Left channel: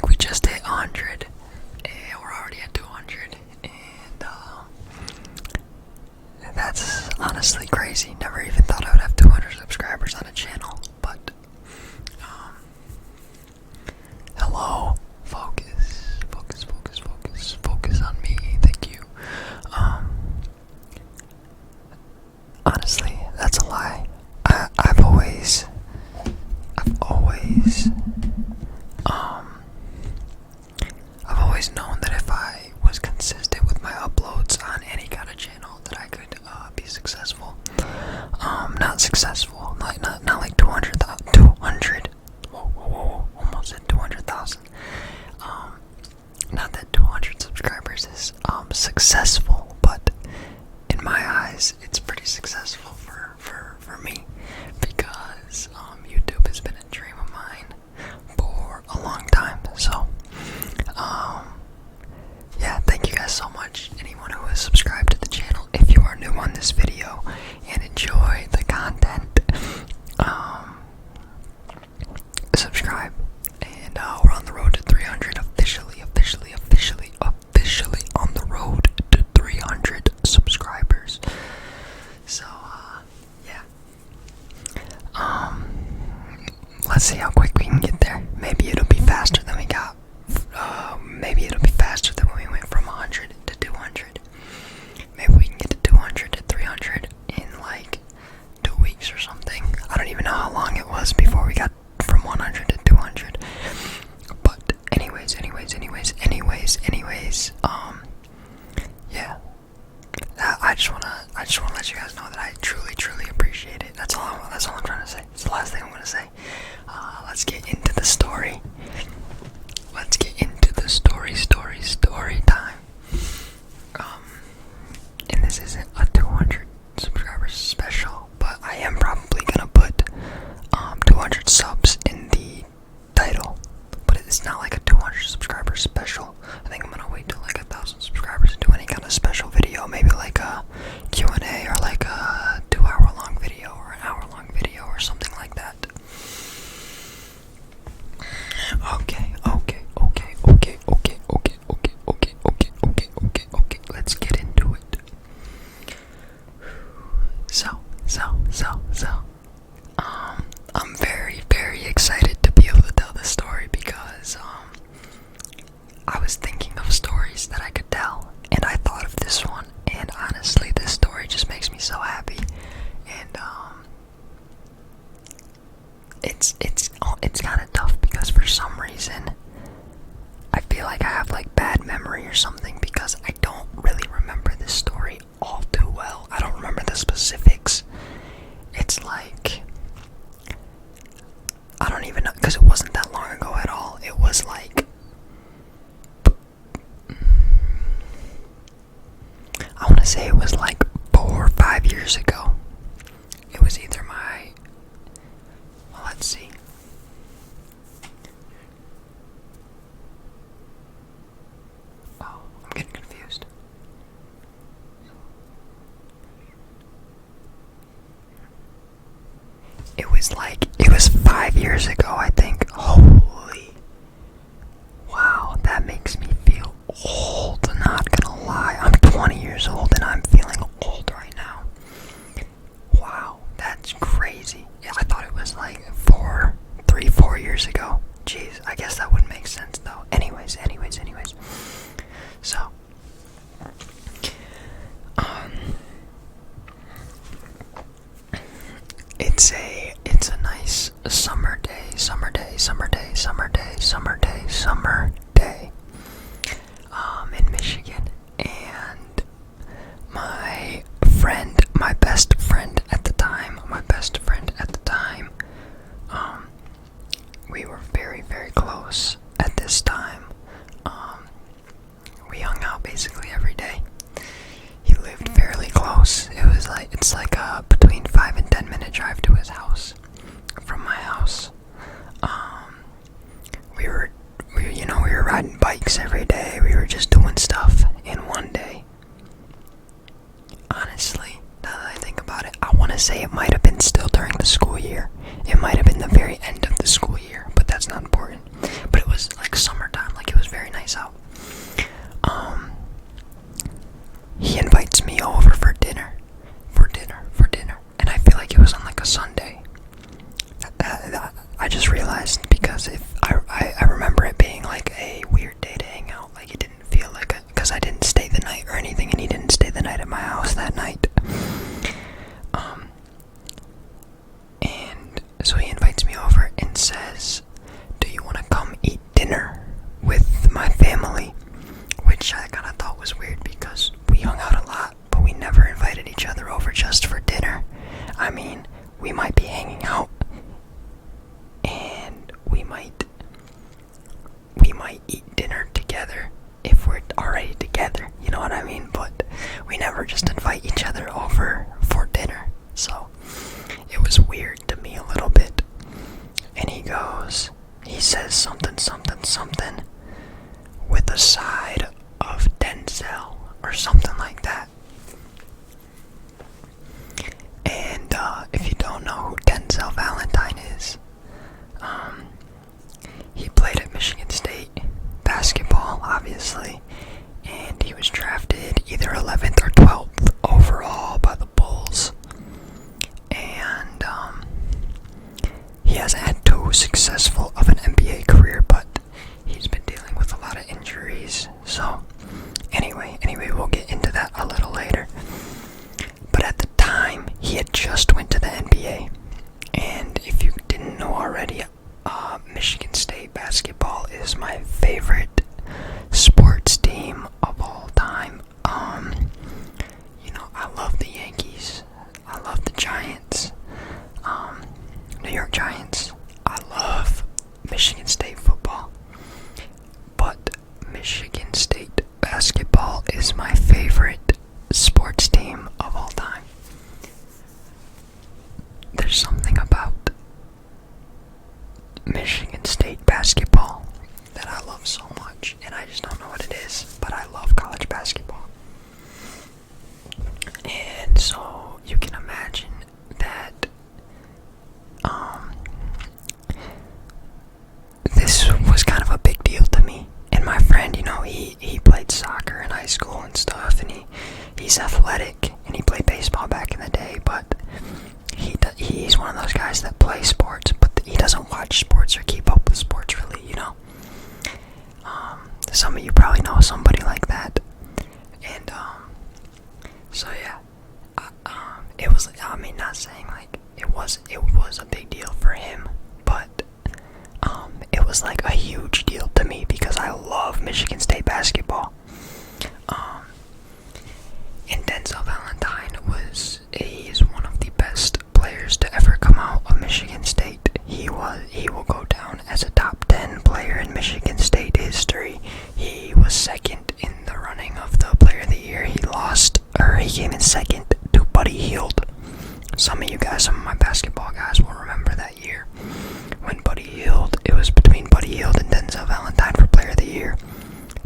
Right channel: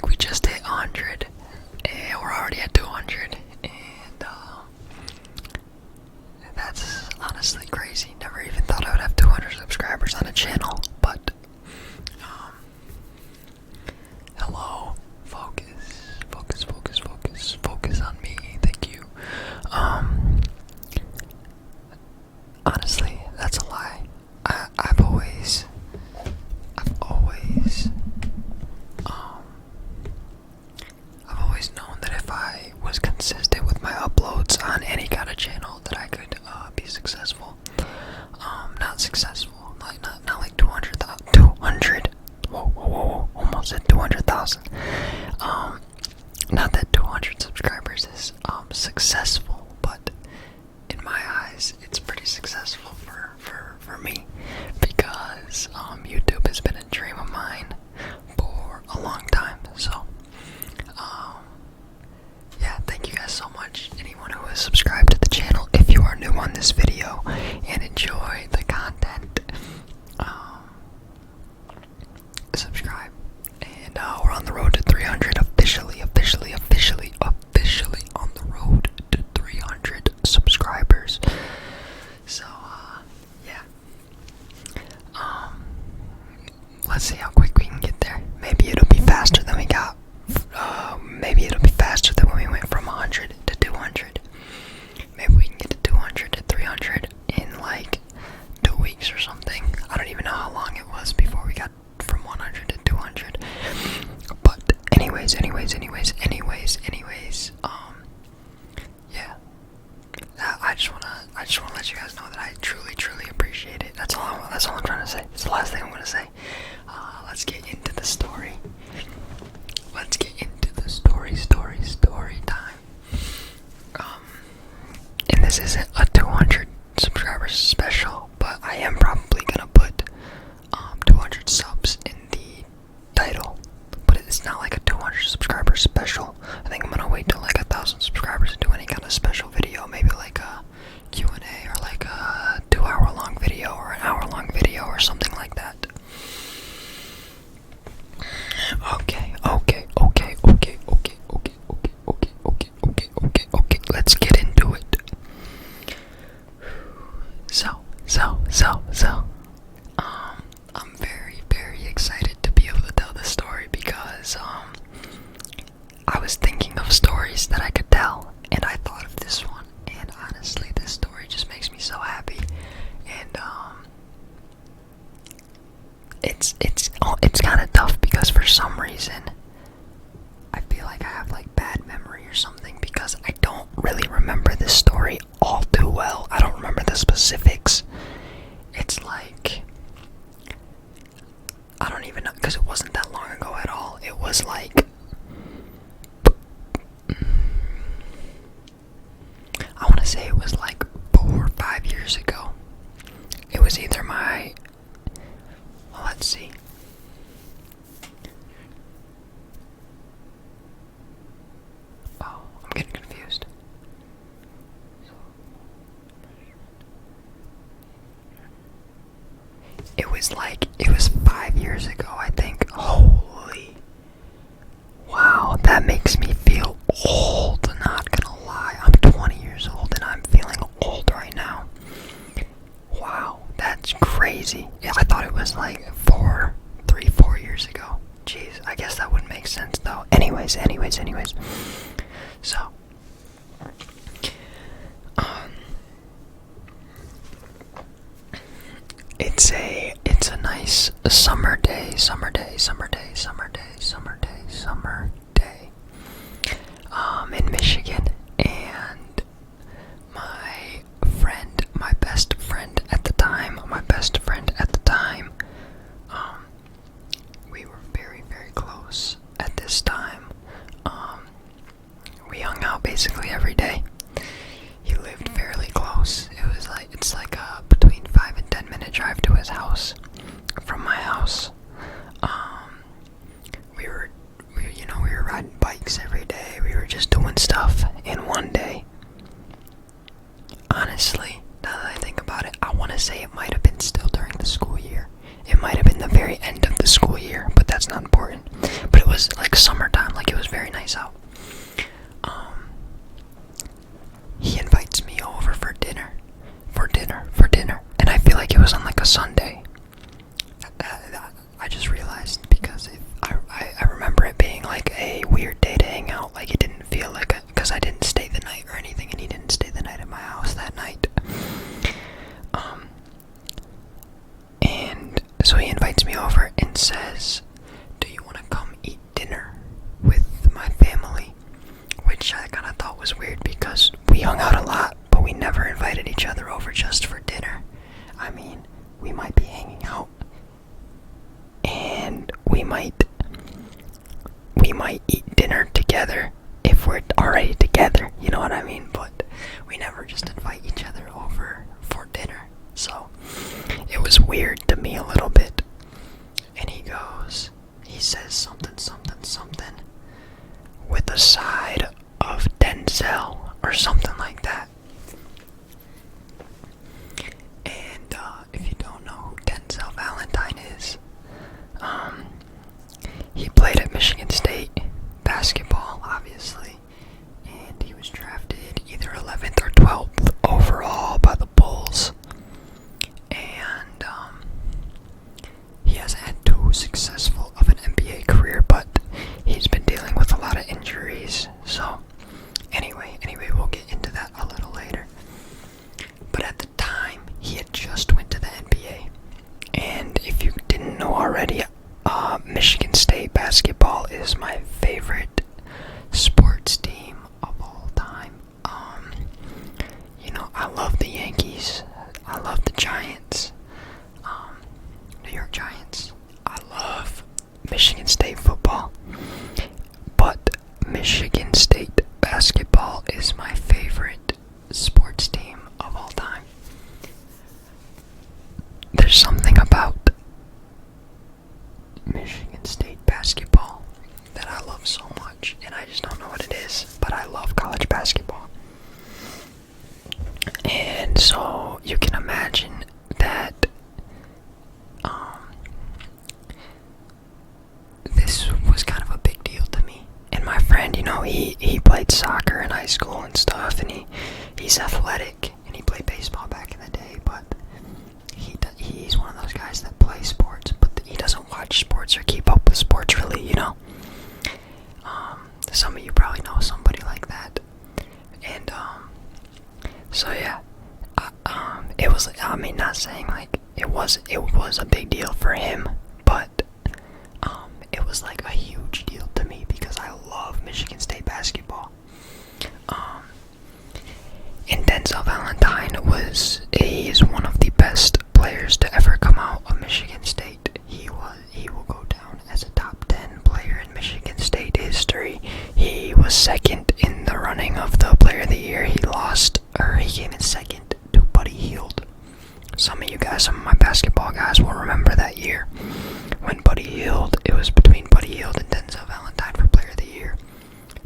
like we just hit 100, and we're already at 200, and that's honestly crazy. Never even thought I would have 200 subscribers on a channel, but hello, focus on me, thank you. Honestly, that's a lie. I've always known that if I was consistent with my uploads on any kind of channel, that I could be successful. Not successful, not like 200. Whoa, almost at 200,000. Not that 200 subscribers is successful, but in my eyes, it's pretty successful for me, because YouTube has been a dream of mine for a long time. So yeah, thank you guys so much, anyone who has subscribed to the channel. If you are new on this video and enjoy the content, subscribe, and we're on the road to 300, officially on the road to 300 subscribers. So yeah, let's see how quick we can get there. Maybe it'll be faster than we got. Maybe it'll be faster than when we went from 100 to 200. Maybe we can get to 200 to 300 in like 2 weeks or something. I don't even know how long it was before we got from 100 to 200. But anyways, yeah. I just wanna let you guys know that I truly appreciate it. That's all I'm trying to say. It's the last thing I'm gonna say. Let's get into the story. Let's get into the story time. And this isn't a 200 subscribers special, but I am probably gonna put 200 subs in the title. But it's not like a 200 subscriber special. I think I'm gonna wait till like 1,000 subscribers and do any kind of special video. Maybe like a Q&A, or like a 2-hour-long video, or an hour-long video, or something like that. Okay, let's get into it. So, I'm very excited to be able to tell this story, because I was thinking of stories that I could tell, and I thought of this one, and honestly, this story just makes me so happy. And it's kind of tough, because for some reason I feel like I have like bad memory or something, because I don't really remember this story all too well. I don't remember the specifics. It's like, I don't even know, because it wasn't that long ago at all. It was like, I want to say it was like 4 or 5 years ago. It was either let's see. Oh, I'm getting confused. It was 5 years ago, I think. Holy. Wow, that makes me feel old, not gonna lie. I'm 20 years old and I'm feeling old right now. Wow, that's crazy. Yeah, I thought it was like 4 years ago. Jeez, I guess that wouldn't make sense though. Anyways. So, it's a nice summer day, in Michigan, and my best friend at the time, we were very close at this time. We hung out basically every day. He lived fairly close. It's like a between 5 and 10 minute drive to his house from my house. We were riding bikes every day. We were just doing stuff. And one day, honestly, now that I think about it, I want to say it might have been still during the school year. It might have been the very end of the school year, but that's not important. But it was like summertime, like it was very nice out. He invites me over for dinner, and I feel like it was on like a Sunday. I just realized because I remember it being like a weird day to hang out. Like it didn't feel like it because I didn't stay the night or anything, and he didn't stay the night at my house that night. And so he invites me over and says, "Do you want to come eat dinner with my family?" Which I kind of thought was weird because we hung out a lot, but we never invited each other over just for dinner. I mean, we might be hanging out and we might eat dinner together if we're already together, you know what I mean? But we never just invite each other over for dinner. So it was weird to me a little bit. And he says something with a side of Denzel or something like that. And if you don't know who Denzel Valentine is, he played at Michigan State basketball, obviously, and he was drafted either 11th or 12th overall by the Bulls. And he hasn't had too successful of an NBA career, but he's been dealing with a lot of injuries. So anyway, we'll get into that a little later. But at the time, he had just went to the NBA. And if you didn't know already, Michigan State basketball is my favorite sports team of all time. I love the Yankees. I love the Giants. New York Giants. I love Michigan State football. But Michigan State basketball is my favorite sports team of all time. There's something about Michigan State basketball that I love so much, and I just don't know what it is, but I love college basketball. And so you can imagine that this was kind of a big deal to me. And my friend, he played soccer in high school and stuff, and he's athletic, and he played baseball back in the day, but he's one of those guys that play sports, but he doesn't watch sports or keep up with sports really, Some of you probably know somebody like that. And, so yeah, it was, not saying like it was a big deal for him, but, it was like a huge deal to me because I love Michigan State basketball. And Denzel Valentine is one of the best players to ever come out of Michigan State. He will go down as a top 10 player in Michigan State history. He was second in the running of the Player of the Year. He came in second to Buddy Hield. Some of my basketball guys will remember that year when it was between Buddy Hield and Denzel Valentine for Player of the Year.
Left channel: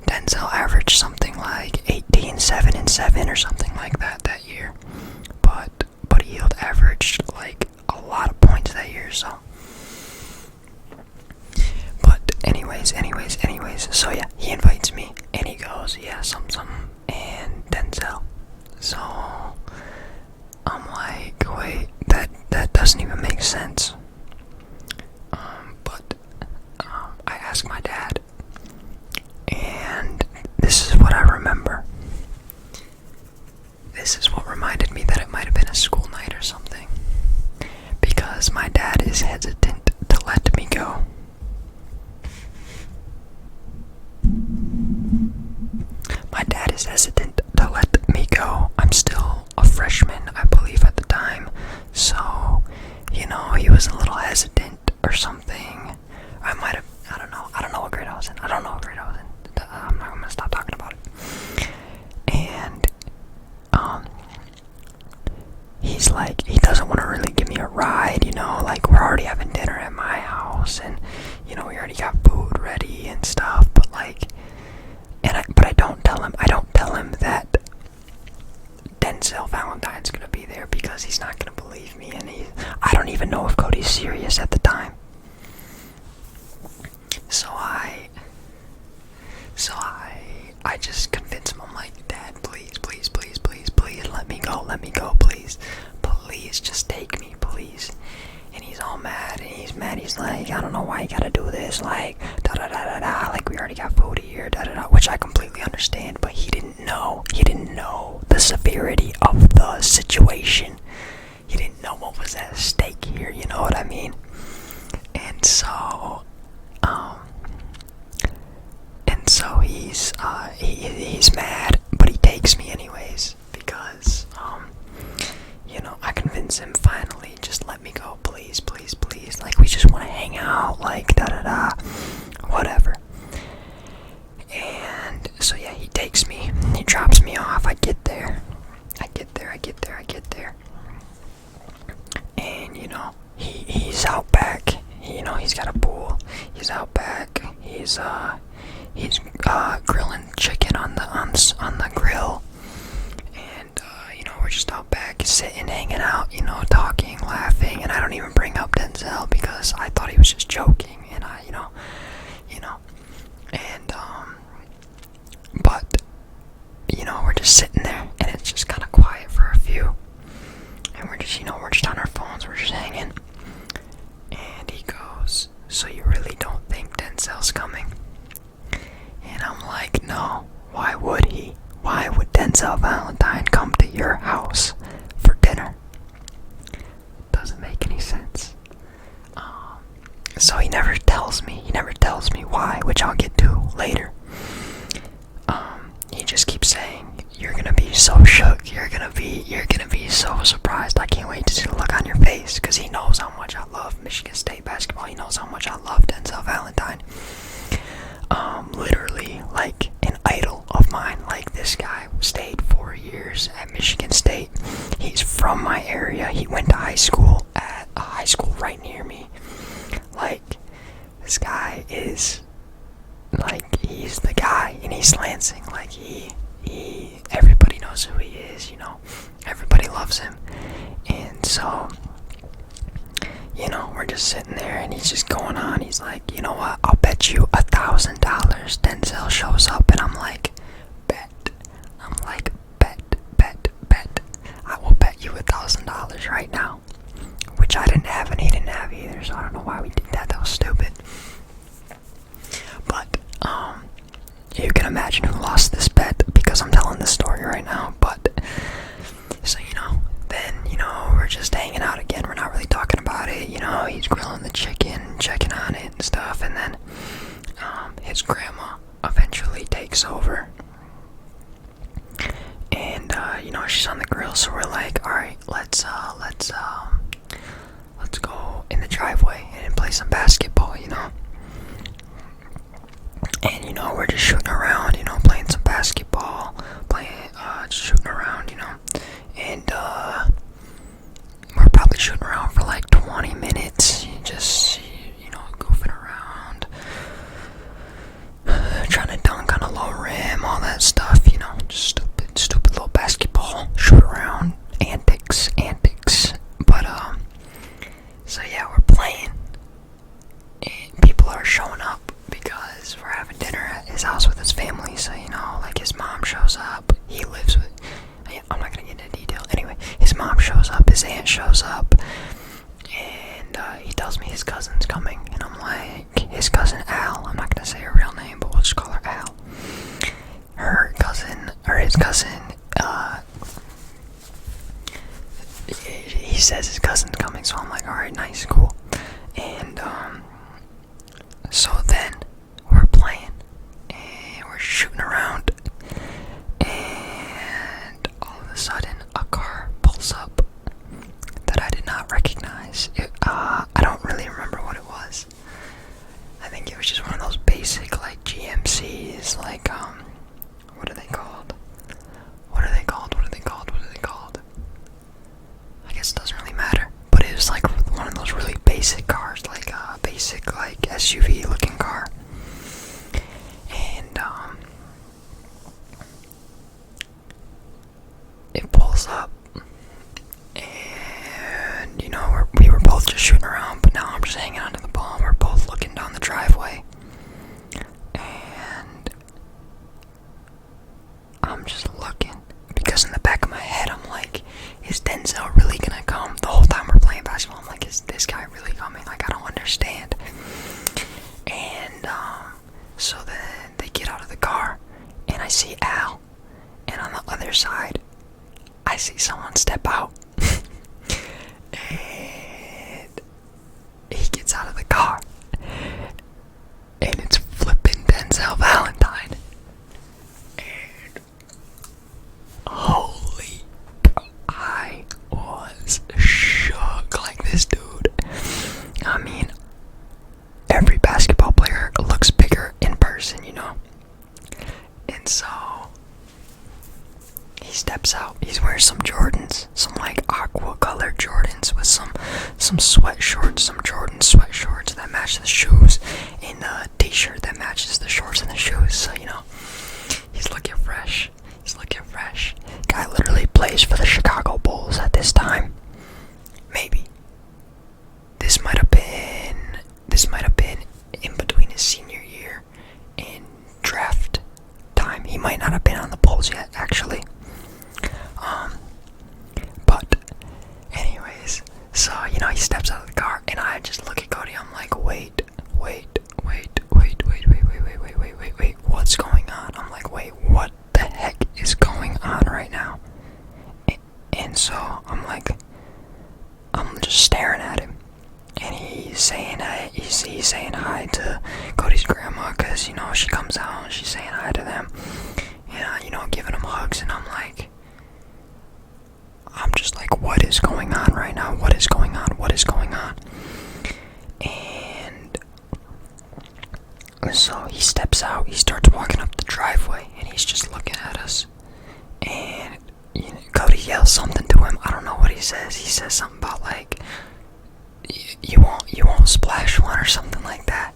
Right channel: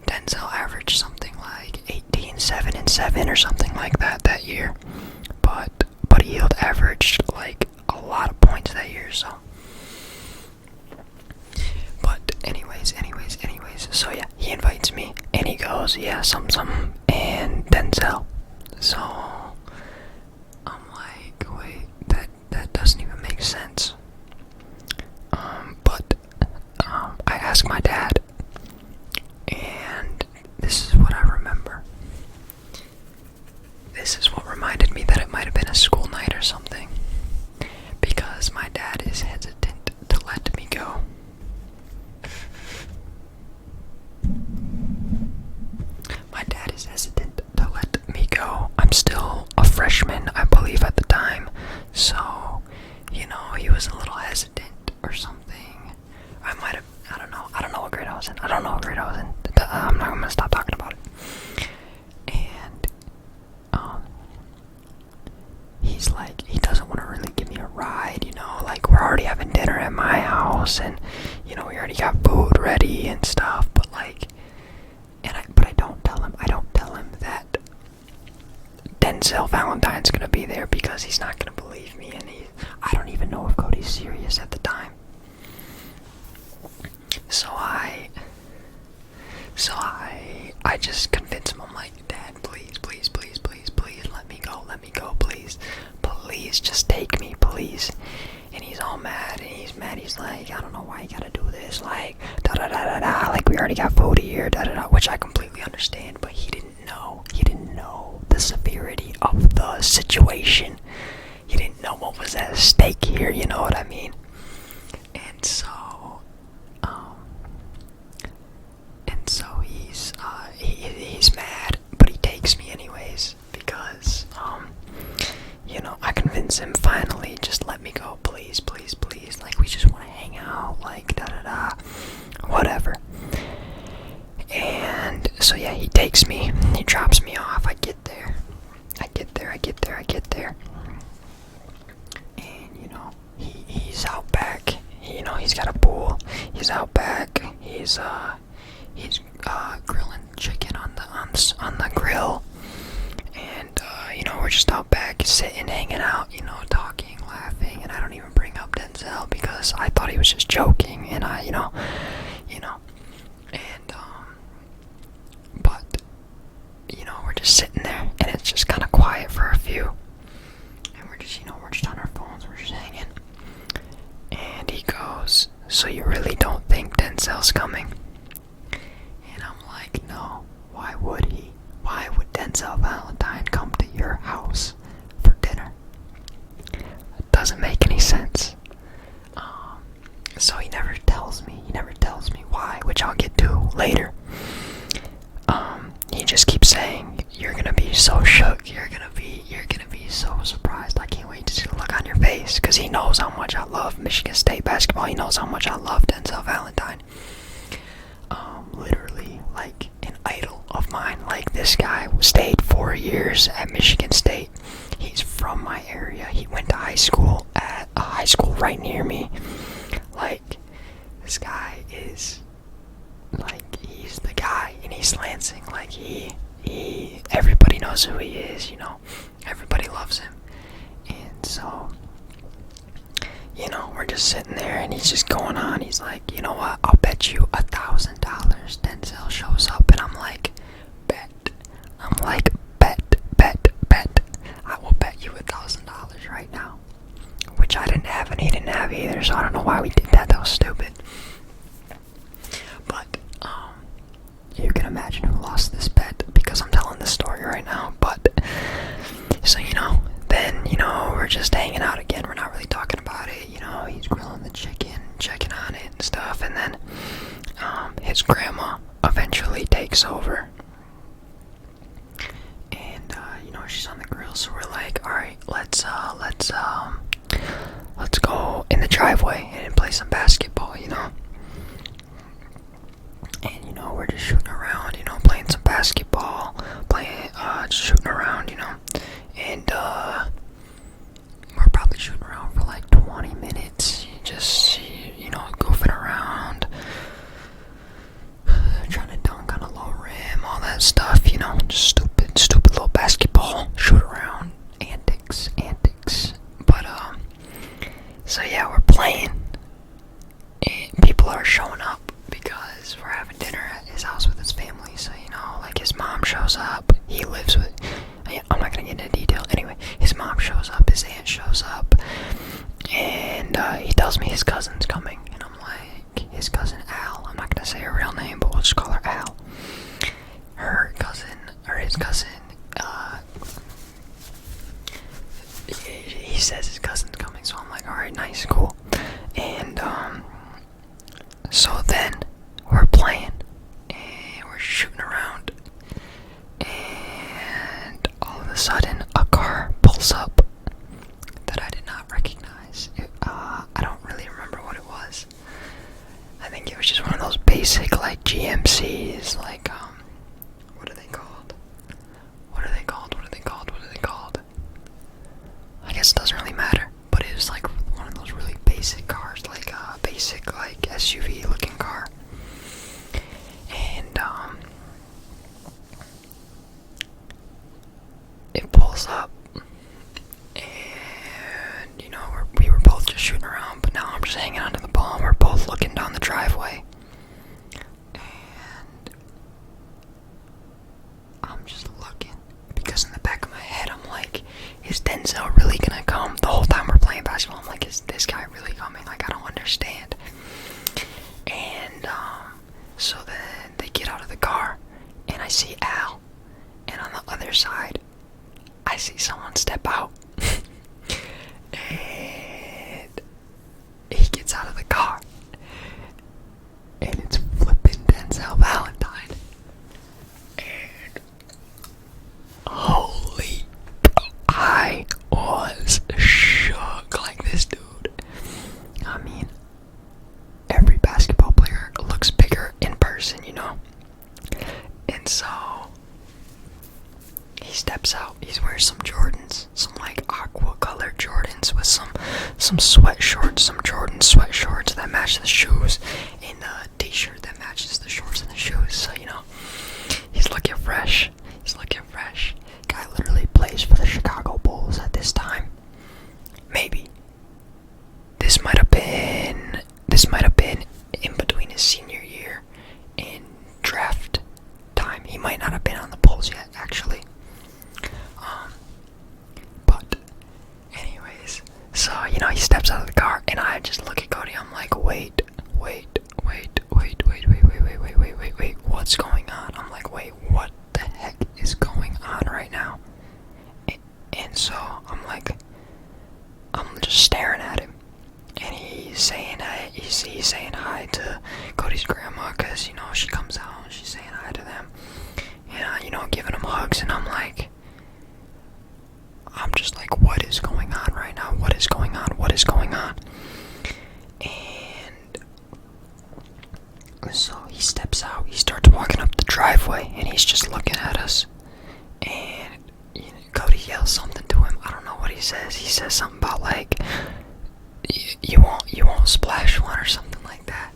Denzel averaged something like 18, 7, and 7 or something like that year. But Buddy Hield averaged like a lot of points that year, so. But anyways, so yeah, he invites me and he goes, yeah, some, and Denzel. So I'm like, wait, that doesn't even make sense. But I asked my dad, and this is what I remember. This is what reminded me that it might have been a school night or something, because my dad is hesitant to let me go. I'm still a freshman, I believe, at the time, so, he was a little hesitant or something. I don't know what grade I was in. I'm not gonna stop talking about it. And, he's like, he doesn't want to really give me a ride, like, we're already having dinner at my house, and, we already got food ready and stuff, but, like, but I don't tell him that Denzel Valentine's gonna be there because he's not gonna believe me, and I don't even know if Cody's serious at the time. So I just convince him. I'm like, Dad, please, please, please, please, please, let me go, please. Please, just take me, please. And he's all mad, and he's mad. He's like, I don't know why you gotta do this, like, da-da-da-da-da, like, we already got food here, da-da-da, which I completely understand, but he didn't know the severity of the situation. He didn't know what was at stake here, you know what I mean? And so, he's mad, but he takes me anyways, because, I convince him finally, just let me go, please, please, please, like, we just want to hang out, like, da-da-da, whatever. And so, yeah, he takes me, he drops me off, I get there, and, he's out back, he's got a pool, he's out back, he's grilling chicken on the grill, and, we're just out back, sitting, hanging out, talking, laughing, and I don't even bring up Denzel, because I thought he was just joking, and but, we're just sitting there, and it's just kind of quiet for a few, and we're just on our phones, we're just hanging, and he goes, so you really don't think Denzel's coming? And I'm like, no, why would he? Why would Denzel Valentine come to your house for dinner? It doesn't make any sense. So he never tells me why, which I'll get to later. He just keeps saying, you're gonna be so shook, you're gonna be so surprised, I can't wait to see the look on your face, because he knows how much I love Michigan State basketball, he knows how much I love Denzel Valentine. Literally, like, an idol of mine. Like, this guy stayed 4 years at Michigan State. He's from my area. He went to high school at a high school right near me. Like, this guy is, like, he's the guy in East Lansing. Like, everybody knows who he is, everybody loves him. And so, we're just sitting there, and he's just going on. He's like, you know what, I'll bet you $1,000 Denzel shows up. And I'm like, bet. I will bet you $1,000 right now. Which I didn't have, and he didn't have either, so I don't know why we did that. That was stupid. But, you can imagine who lost this bet, because I'm telling this story right now. But, so, then, we're just hanging out again. We're not really talking about it. He's grilling the chicken, checking on it and stuff. And then, his grandma eventually takes over. And, she's on the grill. So we're like, all right, let's go in the driveway and play some basketball, And, we're just shooting around, playing some basketball, just shooting around, And, we're probably shooting around for like 20 minutes, just, goofing around, trying to dunk on a low rim, all that stuff, just stupid little basketball, shoot around, antics, but, so yeah, we're playing, and people are showing up, because we're having dinner at his house with his family, so, like, his mom shows up, he lives with, I'm not gonna get into detail. Anyway, his mom shows up, his aunt shows up, and he tells me his cousin's coming, and I'm like, his cousin Al, I'm not gonna say her real name, but we'll just call her Al. His cousin, he says his cousin's coming, so I'm like, alright, nice, cool. And, so then, we're playing, and we're shooting around, and all of a sudden, a car pulls up that I did not recognize. I don't really remember what it was. I think it was just one of those basic, like, GMCs, like, what are they called? I guess it doesn't really matter, but it was, like, one of those really basic cars, like, basic, like, SUV-looking car. And, it pulls up, and, we were both just shooting around, but now I'm just hanging onto the ball, and we're both looking down the driveway, and I see Al, and on the other side, I see someone step out, and he gets out of the car, and it's flipping Denzel Valentine, and holy, I was shook. Like, this dude, I mean, every basketball player looks bigger in person, you know? And so, he steps out, he's wearing some Jordans, some like aqua colored Jordans with some sweat shorts, some Jordan sweat shorts that match the shoes, and a t-shirt that matches the shorts and the shoes. So, you know, he's looking fresh. He's looking fresh. Guy literally plays for the Chicago Bulls at this time. Maybe. This might have been in between his senior year and draft time. He might not have been on the Bulls yet, actually. But anyways, so, you know, he steps out of the car, and I just look at Cody. I'm like, wait, what's going on? I'm like, wait, what the heck is going on right now? And so I'm like, I'm just staring at him, and he's saying hi to Cody's grandma, because, you know, she comes out and she's saying hi to them, and, you know, giving them hugs, and I'm just like, what is going on right now? What is going on? And so he steps out, he starts walking up the driveway, and he's just looking at us, and, you know, Cody yells something to him. I don't know what he says. He says something about, like, you won't splash one or something like that.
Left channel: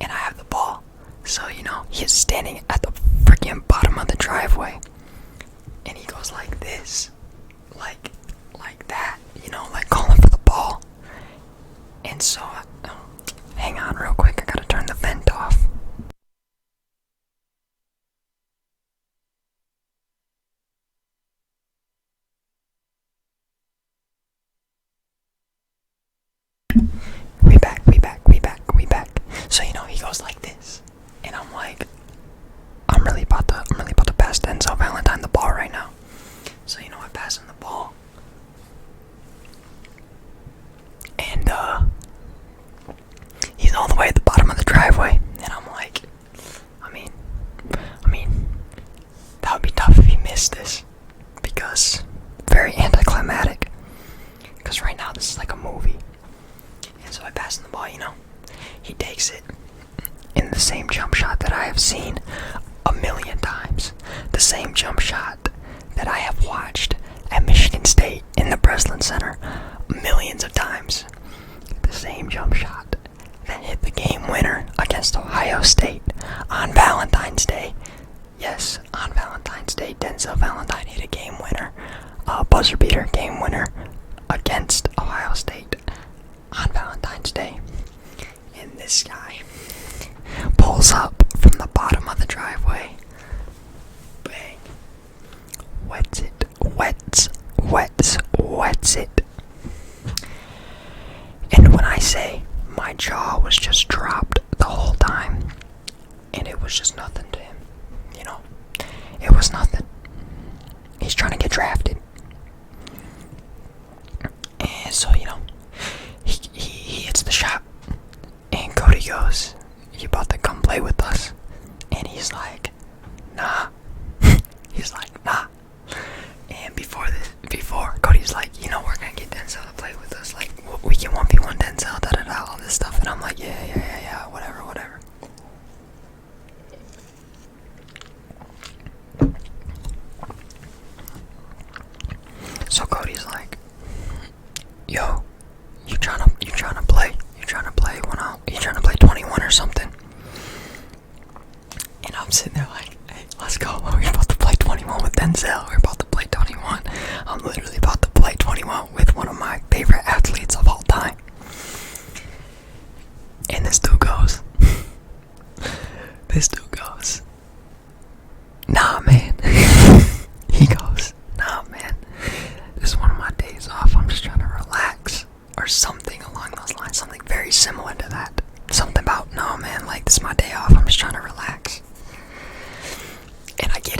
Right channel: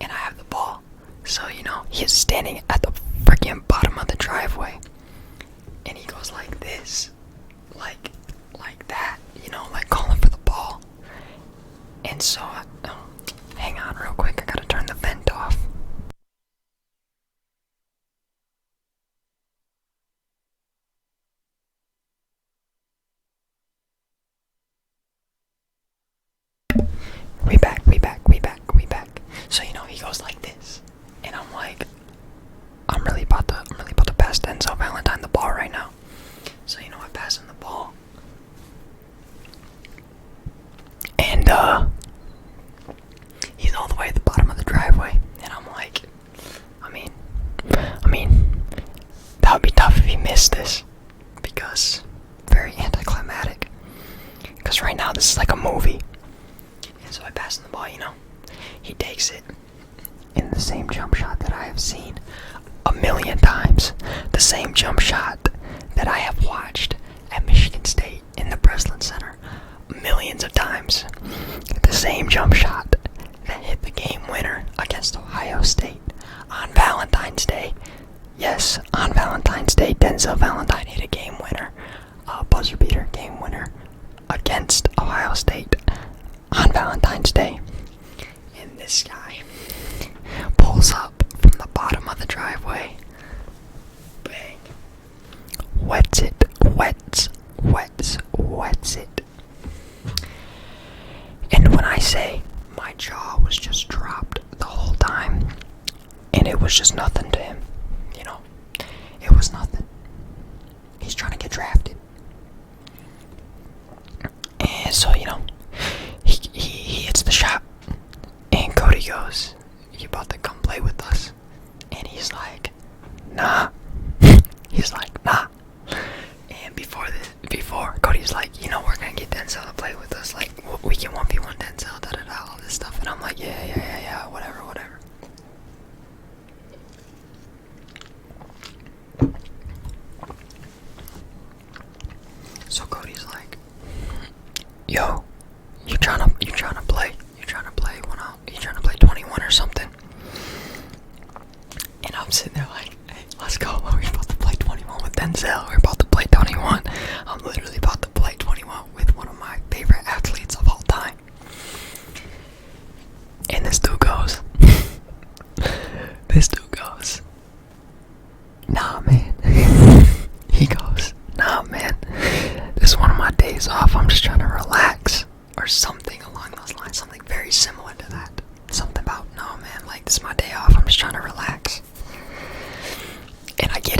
And I have the ball, so, you know, he's standing at the freaking bottom of the driveway, and he goes like this, like that, you know, like calling for the ball. And so, hang on real quick, I gotta turn the vent off. We back. So, you know, he goes like this, and I'm like, I'm really about to pass Denzel Valentine the ball right now. So, you know, I pass him the ball, and he's all the way at the bottom of the driveway, and I'm like, I mean, that would be tough if he missed this, because very anticlimactic, because right now this is like a movie. And so I pass him the ball, you know, he takes it in the same jump shot that I have seen a million times, the same jump shot that I have watched at Michigan State in the SportsCenter millions of times, the same jump shot that hit the game winner against Ohio State on Valentine's Day. Yes, on Valentine's Day, Denzel Valentine hit a game winner, a buzzer beater game winner against Ohio State on Valentine's Day. And this guy pulls up from the bottom of the driveway, bang, wets it. And when I say my jaw was just dropped the whole time, and it was just nothing to him, you know, it was nothing. He's trying to get drafted. And so, you know, he hits the shot, and Cody goes, "You about to come play with us?" And he's like, "Nah." He's like, "Nah." And before Cody's like, "You know, we're gonna get Denzel to play with us. Like, we can 1v1 Denzel, all this stuff." And I'm like, yeah, whatever. So Cody's like, "Yo, you trying to play? You trying to play 21 or something?" And I'm sitting there like, "Hey, let's go. We're about to play 21 with Denzel. We're about to play 21. I'm literally about to play 21 with one of my favorite athletes of all time." And this dude goes, "Nah, man." He goes, "Nah, man. This is one of my days off. I'm just trying to relax." Or something along those lines. Something very similar to that. Something about, "No, man, like, this is my day off. I'm just trying to relax." And I get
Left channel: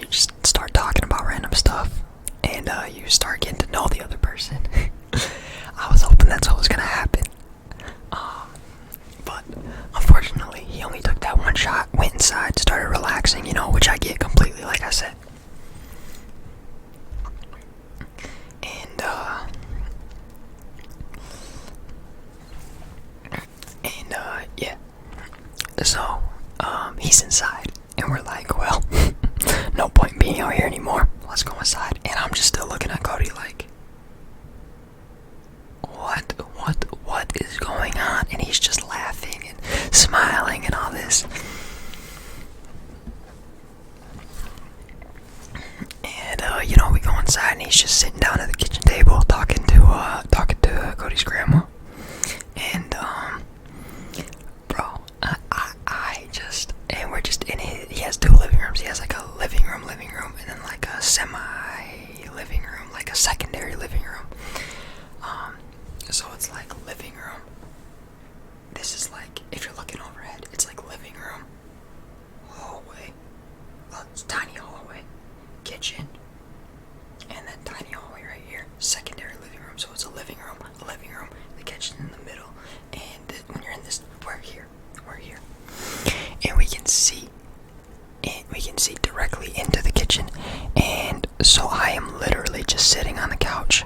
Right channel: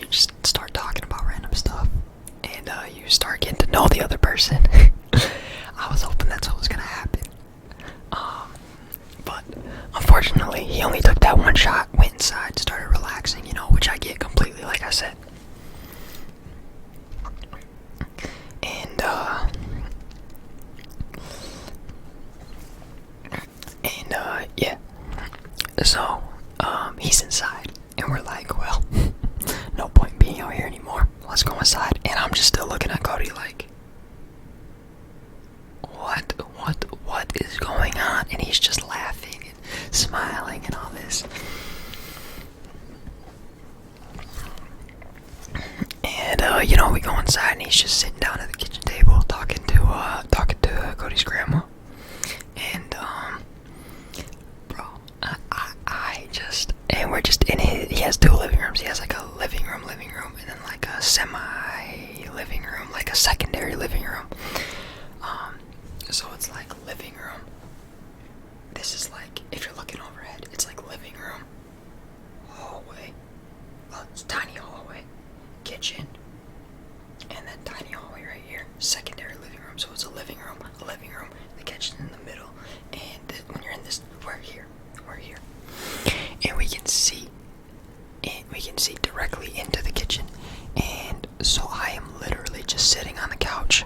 you just start talking about random stuff, and you start getting to know the other person. I was hoping that's what was gonna happen, but unfortunately, he only took that one shot, went inside, started relaxing, which I get completely, like I said. Yeah. So, he's inside, and we're like, well, no point being out here anymore. Let's go inside. And I'm just still looking at Cody like, what is going on? And he's just laughing and smiling and all this. And we go inside, and he's just sitting down at the kitchen table talking to Cody's grandma. And and we're just in he has 2 living rooms. He has like a living room, and then like a semi-living room, like a secondary living room. So it's like living room. This is like, if you're looking overhead, it's like living room, hallway, it's tiny hallway, kitchen, and then tiny hallway right here, secondary living room. So it's a living room, the kitchen in the middle, and when you're in this, we're here, and we can see directly into the kitchen. And so I am literally just sitting on the couch,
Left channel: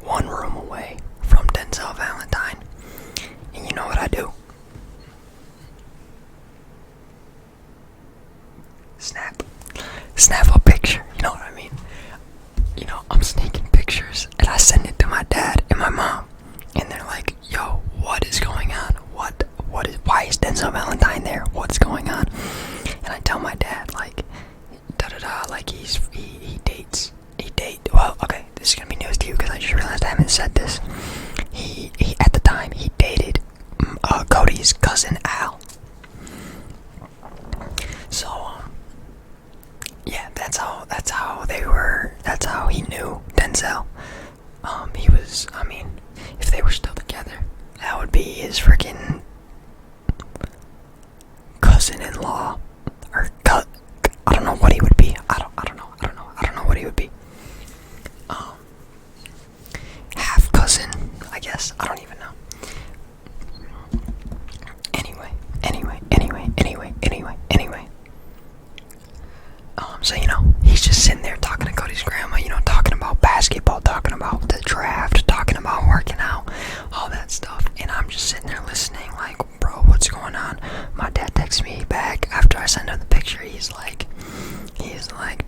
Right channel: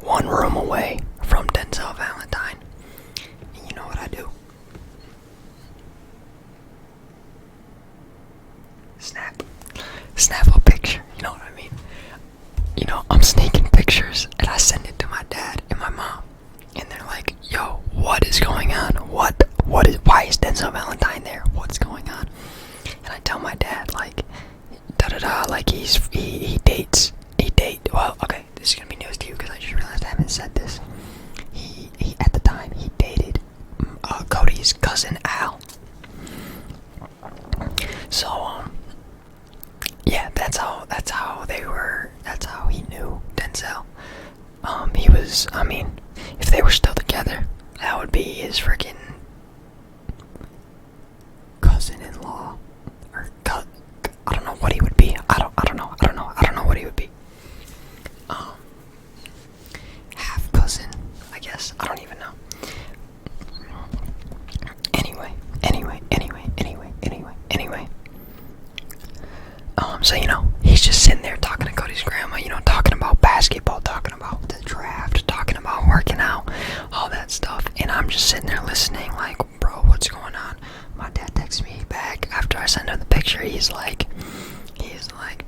1 room away from Denzel Valentine. And you know what I do? Snap a picture, you know what I mean? I'm sneaking pictures, and I send it to my dad and my mom, and they're like, yo, what is going on? Why is Denzel Valentine there? What's going on? And I tell my dad, like, like he dates, well, okay, this is gonna be news to you, because I just realized I haven't said this. He at the time, he dated Cody's cousin Al. So, yeah, that's how he knew Denzel. If they were still together, that would be his freaking cousin-in-law, or I don't know what he would be. I don't know what he would be. Half cousin, I guess. I don't even know. Anyway. So he's just sitting there talking to Cody's grandma, talking about basketball, talking about the draft, talking about working out, all that stuff. And I'm just sitting there listening, like, bro, what's going on? My dad texts me back after I send him the picture. He's like,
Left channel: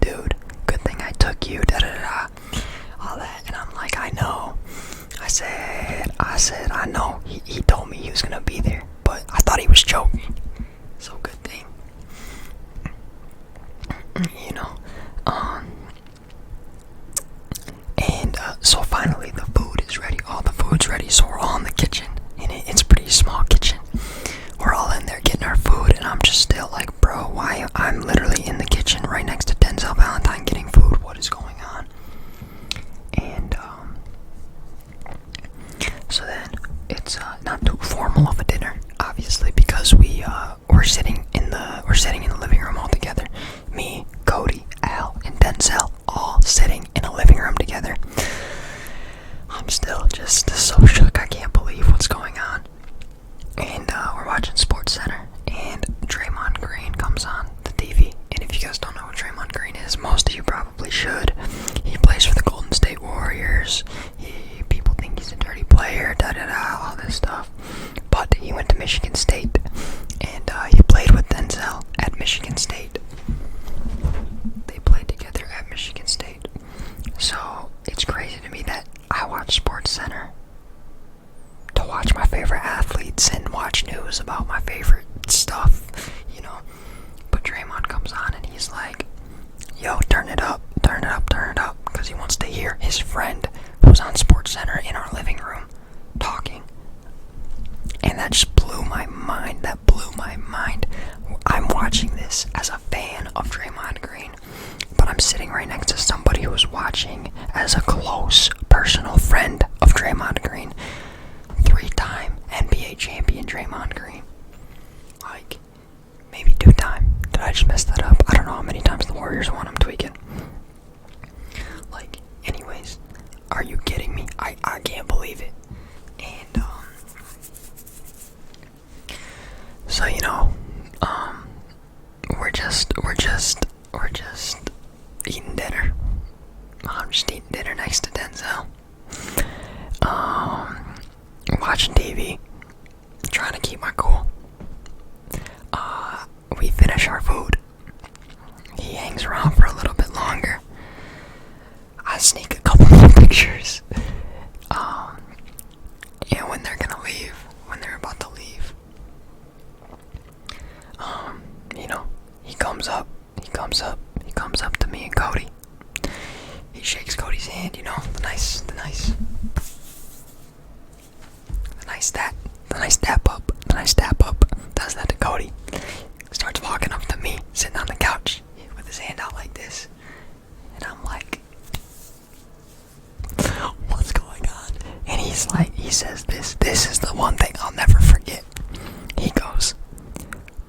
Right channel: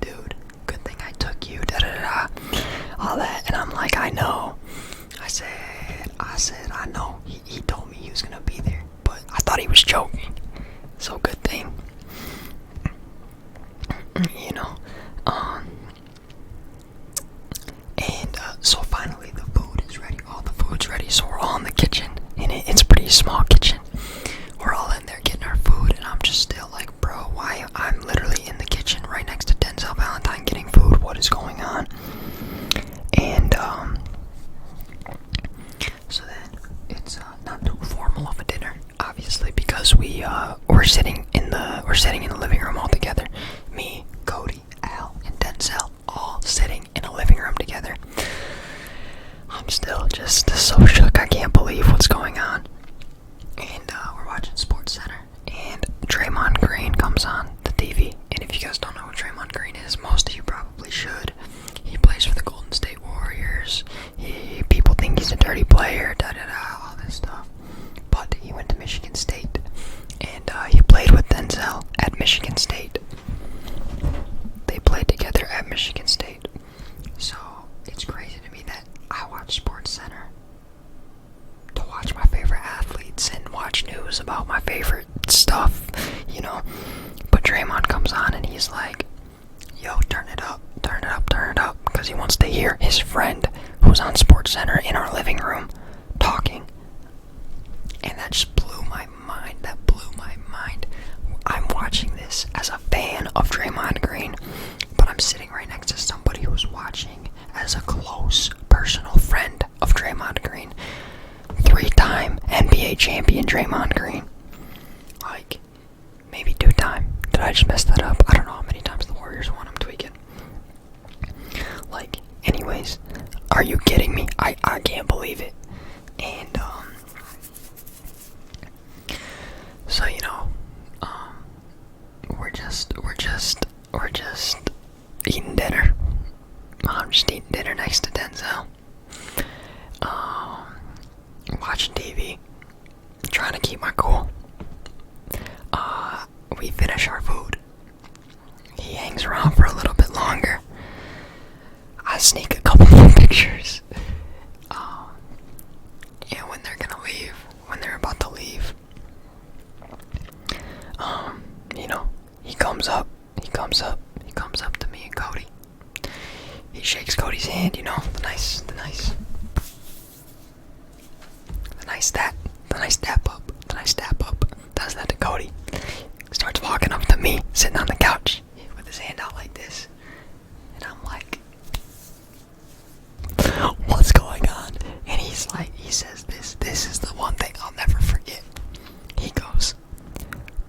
dude, good thing I took you, all that. And I'm like, I know. I said, I know. He told me he was gonna be there, but I thought he was joking. So good thing. So finally the food is ready. All the food's ready, so we're all in the kitchen, and it's a pretty small kitchen. We're all in there getting our food, and I'm just still like, bro, why? I'm literally in the kitchen right next to Denzel Valentine getting food. What is going on? And so then it's not too formal of a dinner, obviously, because we're sitting in the living room all together. Me, Cody, Al, and Denzel all sitting in a living room together. I'm still just so shook. I can't believe what's going on. And we're watching SportsCenter, and Draymond Green comes on the TV. And if you guys don't know who Draymond Green is, most of you probably should. He plays for the Golden State Warriors. People think he's a dirty player, all this stuff. But he went to Michigan State, and he played with Denzel at Michigan State. They played together at Michigan State. So it's crazy to me that I watch SportsCenter to watch my favorite athletes and watch news about my favorite stuff, But Draymond comes on, and he's like, yo, turn it up, because he wants to hear his friend who's on SportsCenter in our living room talking. And that just blew my mind. I'm watching this as a fan of Draymond Green, but I'm sitting right next to somebody who's watching as a close personal friend of Draymond Green. 3-time NBA champion Draymond Green. Like, maybe 2-time. Did I just mess that up? I don't know how many times the Warriors won. eating dinner. I'm just eating dinner next to Denzel. Watching TV. Trying to keep my cool. We finish our food. He hangs around for a little bit longer. I sneak a couple more pictures. And when they're gonna leave, when they're about to leave, he comes up to me and Cody. He shakes Cody's hand, the nice tap up. Does that to Cody. Starts walking up to me, sitting on the couch with his hand out like this. And I'm like, what's going on? And he says this is the one thing I'll never forget. He goes,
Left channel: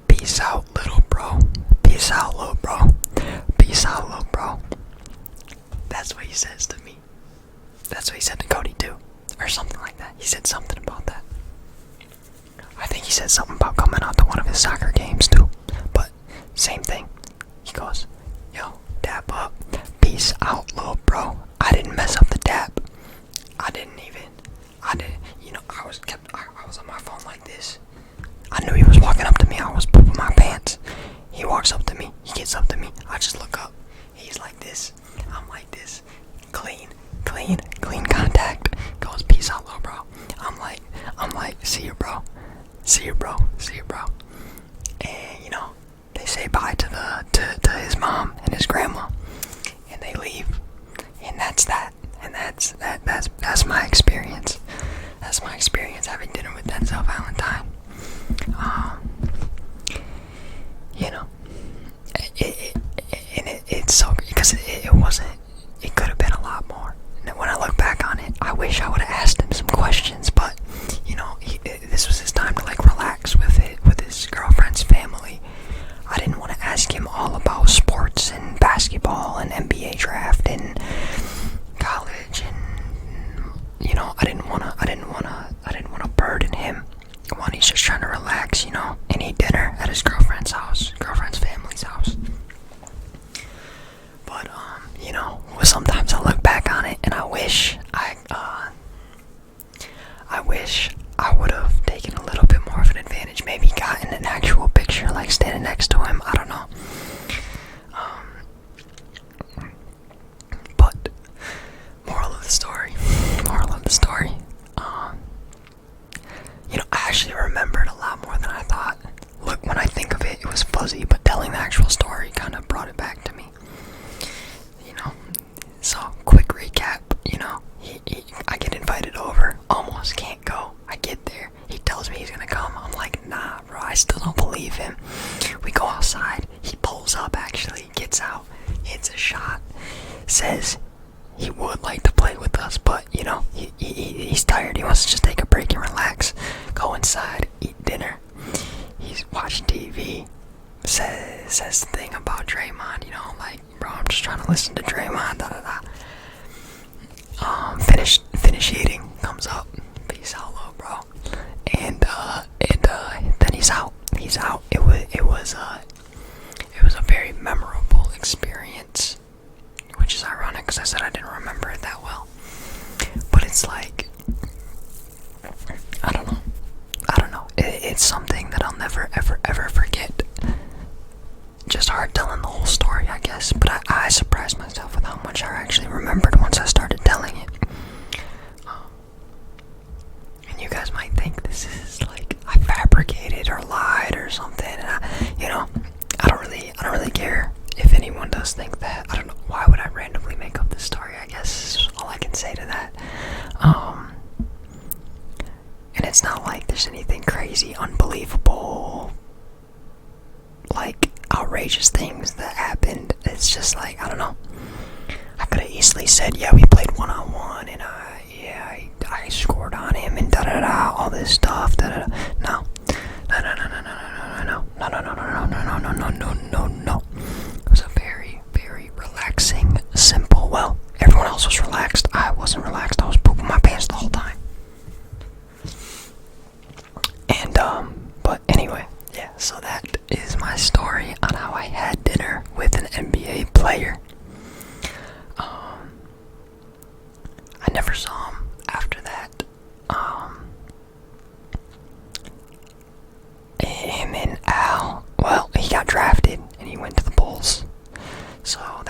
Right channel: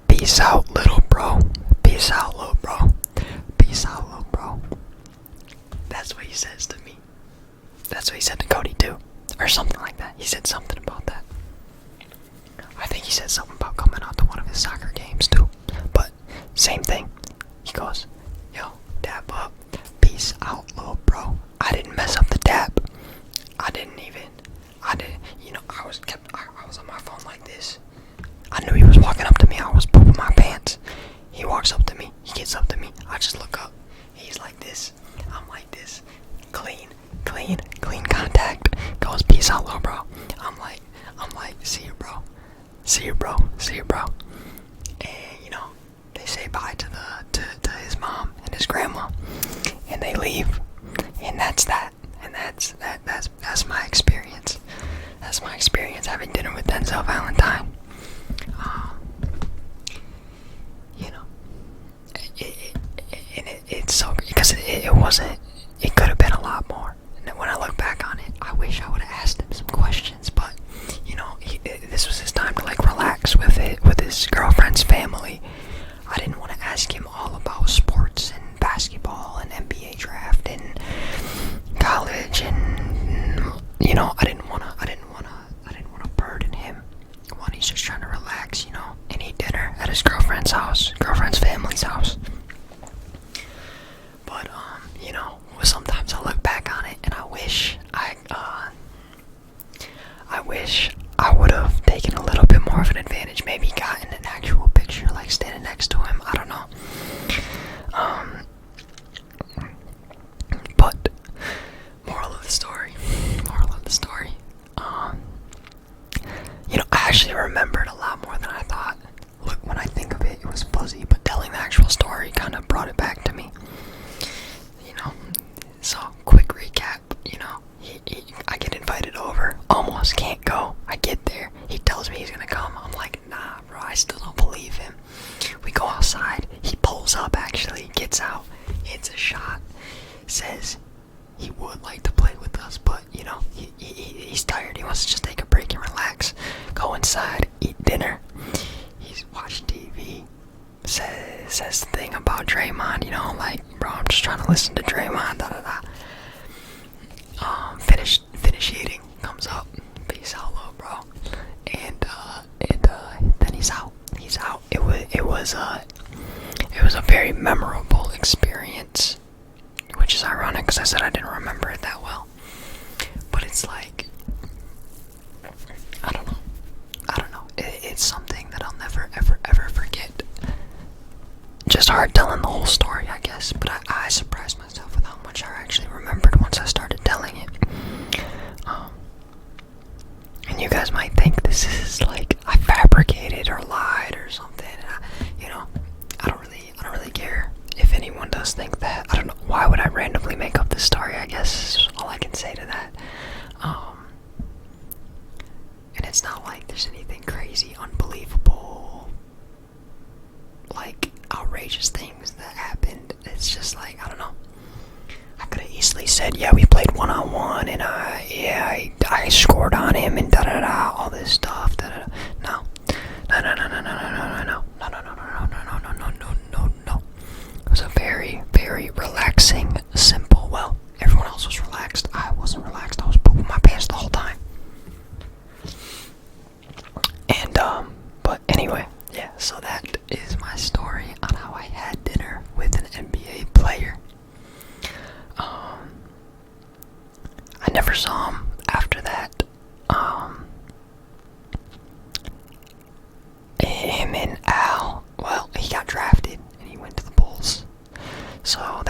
peace out, little bro. Peace out, little bro. Peace out, little bro. That's what he says to me. That's what he said to Cody too. Or something like that. He said something about that. I think he said something about coming out to one of his soccer games too. But same thing. He goes, yo, dap up. Peace out, little bro. I didn't mess up the dap. I was on my phone like this. I knew he was walking up to me. I was pooping my pants. He walks up to me. He gets up to me. I just look up. He's like this. I'm like this. Clean contact. Goes, peace out, little bro. I'm like, see you, bro. And they say bye to his mom and his grandma, and they leave. And that's that. And that's my experience. That's my experience having dinner with Denzel Valentine. It's so great because it wasn't. It could have been a lot more. And when I look back on it, I wish I would have asked him some questions. But this was his time to relax with his girlfriend's family. I didn't want to ask him all about sports and basketball and NBA draft and college, and I didn't want to burden him when he's just trying to relax, and eat dinner at his girlfriend's family's house. But sometimes I look back on it and I wish I would have taken a little bit more of an advantage, maybe gotten an actual picture, standing next to him. I don't know. But moral of the story. I actually remembered a lot more than I thought. Look, when I think of it, it was fuzzy, but telling the actual story kind of brought it back to me. So, quick recap, I get invited over, almost can't go. I get there, he tells me he's gonna come. I'm like, nah, bro, I still don't believe him. We go outside, he pulls up actually, gets out, hits a shot, says he would like to play with us, but, he's tired, he wants to just take a break and relax. Go inside, eat dinner, he's watching TV. Says the thing about Draymond, bro, I'm just trying to listen to Draymond, Finish eating, comes up, peace out, little bro, and then he's out. It was a very memorable experience, which is ironic because I said I didn't remember it that well, but it's like, I don't know, it's something that I'll never ever forget. Just hard telling the whole story, I guess, but I surprised myself with how much I actually remembered once I started telling it. And you guys might think this is I fabricated or lied or something. And I don't really care if anyone does think that. I don't know, why would I randomly make up this story? I guess is all I can say to that. And it's not like there's anything crazy, unbelievable, outrageous things that happened. It's just I don't know. I could have easily said, yeah, we played one-on-one, and I scored on him, and da-da-da, all this stuff, da-da-da. No. It was a very, very relaxing, simple, everyone else was relaxed. I wasn't relaxed. I was pooping my pants the whole time. And, but anyway, yeah, so that is my story on how I had dinner with an NBA player.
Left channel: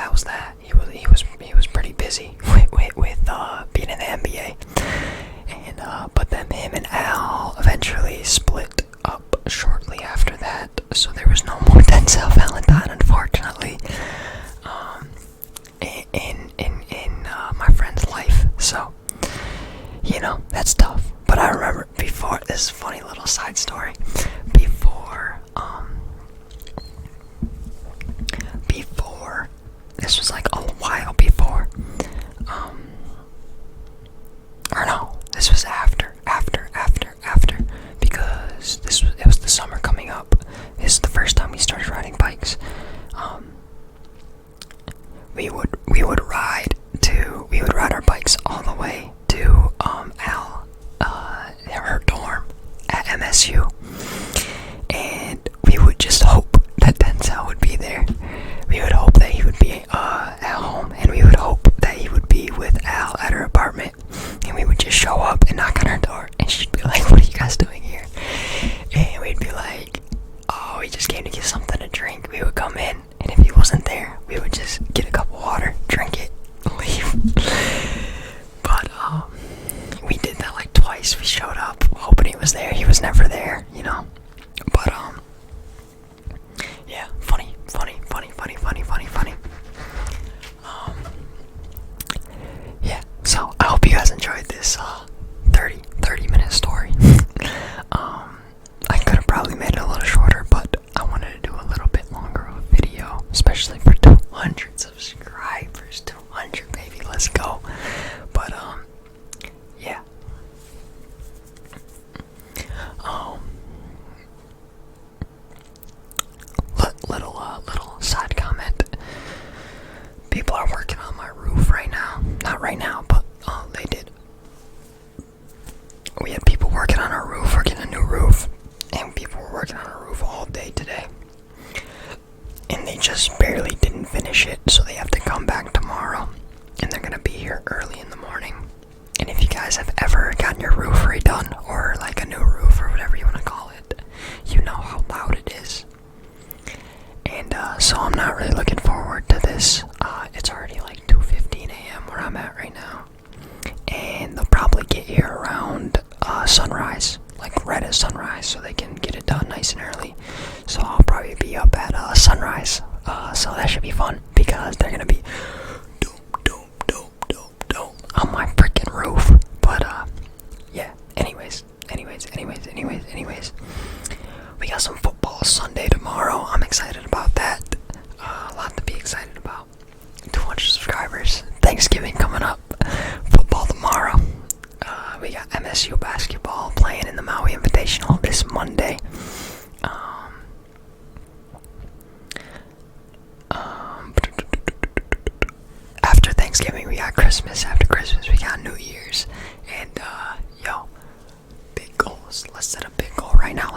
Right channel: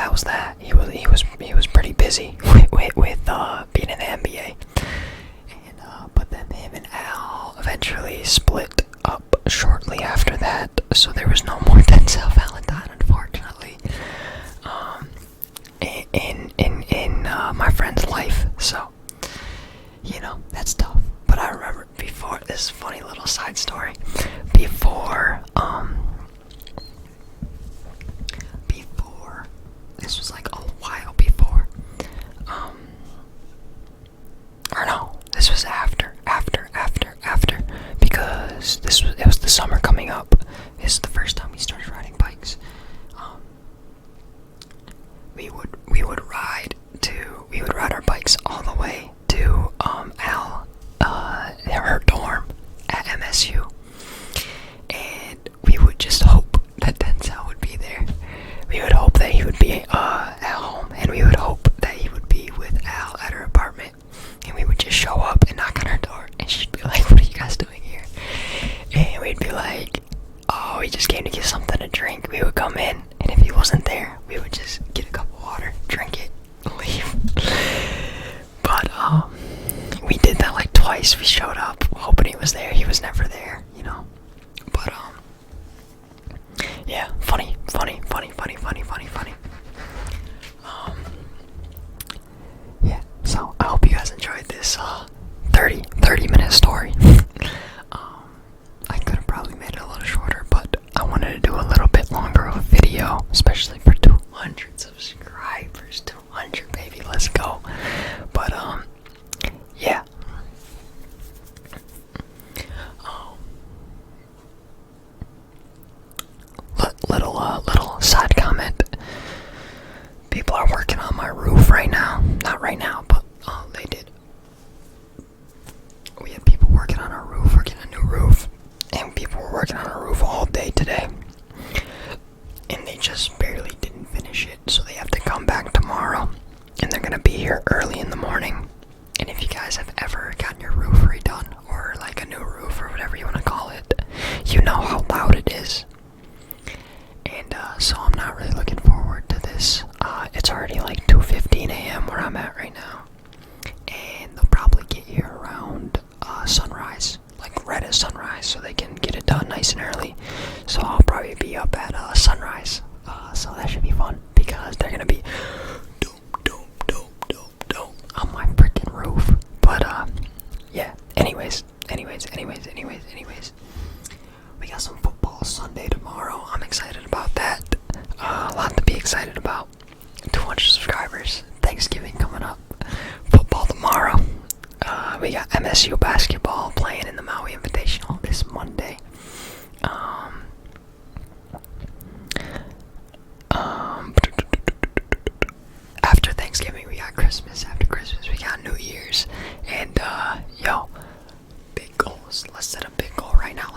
that was that. He was pretty busy with being in the NBA. And but then him and Al eventually split up shortly after that. So there was no more Denzel Valentine, unfortunately, in my friend's life. So, you know, that's tough. But I remember before, this is a funny little side story. Before, this was like a while before, or no, this was after, because it was the summer coming up. This is the first time we started riding bikes. We would ride our bikes all the way to her dorm at MSU, and we would just hope that Denzel would be there. We would hope that he would be at home, and we would hope that he would be with Al at her apartment, and we would just show up and knock on her door, and she'd be like, "What are you guys doing here?" And we'd be like, "Oh, we just came to get something to drink." We would come in, and if he wasn't there, we would just get a cup of water, drink it, leave. But we did that like twice. We showed up hoping he was there. He was never there, you know. But yeah, funny. Yeah, so I hope you guys enjoyed this 30-minute story. I could have probably made it a little shorter, but I wanted to do a little bit longer of a video, especially for 200 subscribers. 200, baby, let's go. But yeah. Little side comment. People are working on my roof right now. Not right now, but they did. We had people working on our roof. We're getting a new roof, and people were working on our roof all day today, and they just barely didn't finish it, so they have to come back tomorrow, and they're gonna be here early in the morning. And if you guys have ever gotten your roof redone, or like a new roof, or whatever you want to call it, you know how loud it is. And so I'm not really looking forward to this. It's already like 2:15 a.m. where I'm at right now, and they'll probably get here around sunrise, like right at sunrise, so they can get it done nice and early. So I'll probably be up at sunrise, so that should be fun, because they're gonna be dope on my freaking roof. But yeah, anyways, we got some football Sunday tomorrow. I'm excited about that. A lot to be excited about. 200 subscribers, Thanksgiving coming up, football tomorrow. We got MSU basketball playing in the Maui Invitational this Monday. After Thanksgiving, we got Christmas. After Christmas, we got New Year's. And big goals. Let's set a big goal right now.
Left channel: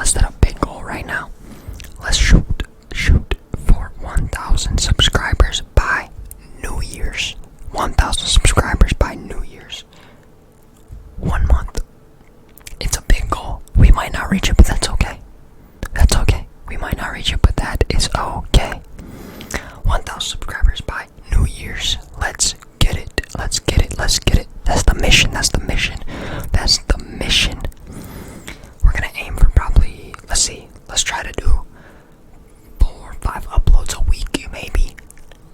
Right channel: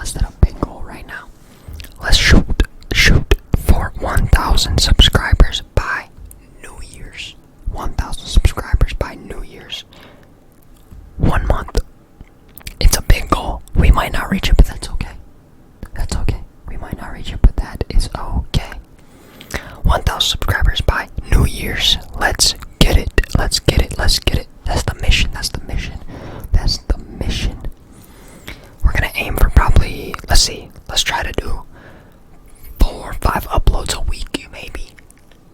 Let's shoot for 1,000 subscribers by New Year's. 1,000 subscribers by New Year's. 1 month. It's a big goal. We might not reach it, but that's okay. We might not reach it, but that is okay. 1,000 subscribers by New Year's. Let's get it. That's the mission. We're gonna aim for probably, let's try to do 4 or 5 uploads a week, maybe.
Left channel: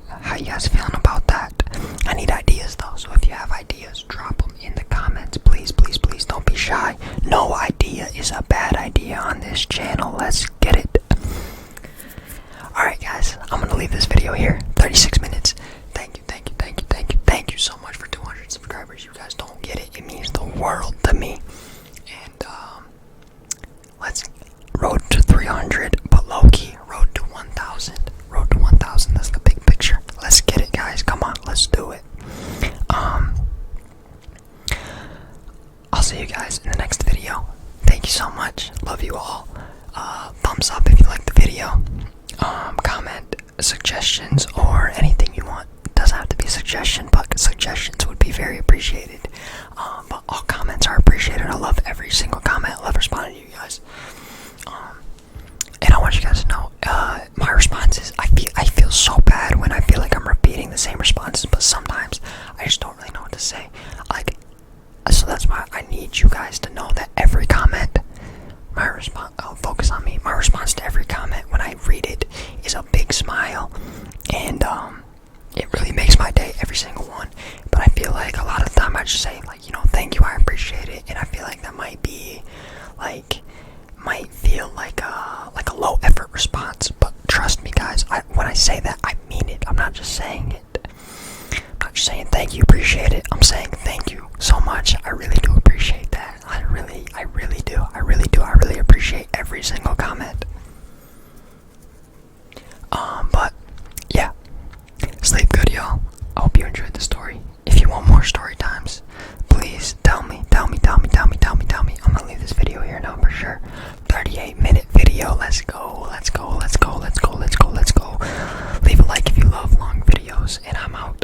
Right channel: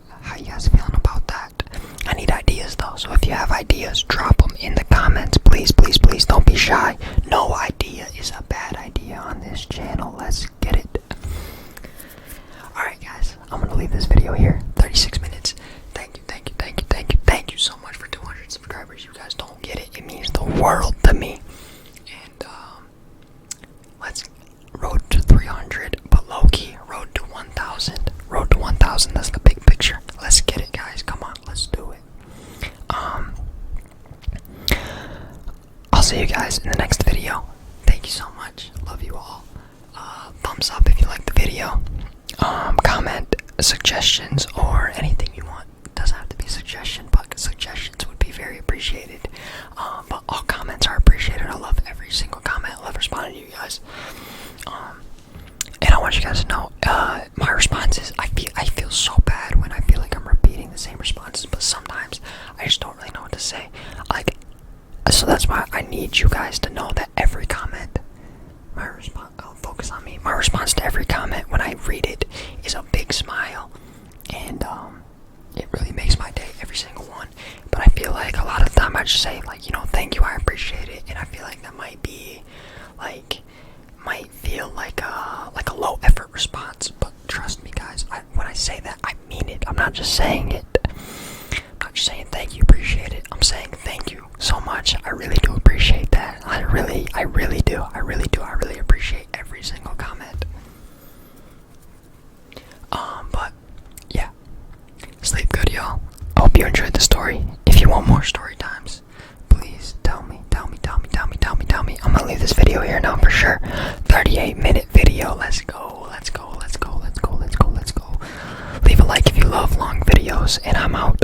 How you guys feeling about that? I need ideas though, so if you have ideas, drop them in the comments. Please, don't be shy. No idea is a bad idea on this channel. Let's get it. Alright guys, I'm gonna leave this video here. 36 minutes. Thank you so much for 200 subscribers. You guys don't get it. It means the world to me. And let's road to 300, but low-key, road to 1,000. Road to 1,000, that's the big picture. Let's get it, guys. Come on, let's do it. I'll see you guys in the next video. Thank you so much. Love you all. Thumbs up if you like the video. Comment suggestions or anything you want. It doesn't have to be a suggestion, but suggestions would be very appreciated. But all comments are appreciated. I love every single comment. I love responding to you guys. And I want you guys to know, my responses, I feel so bad when I feel like I'm repeating the the same responses, but sometimes I just don't really know what to say. Like, so that's why I need you guys to know that every comment, my response, focus on me. My response to every comment when I read it is a big smile, and it really makes my day, every single one. But I feel like a lot of the time I just say, like, thank you, I appreciate it, and I feel like that might be like, might feel like a low effort response, but trust me guys, when I say that, I mean it. I'm not just saying it. I'm not just saying thank you, appreciate it. I'm saying thank you so much. I really do appreciate that. I really do. I really appreciate every single comment. But yeah, sleep good, y'all. I hope you enjoyed the story. If you want more story times, please tell me. I'm gonna leave this video here now for sure. 38-minute video. Let's go. Leave a like if you love long videos, and I'm out.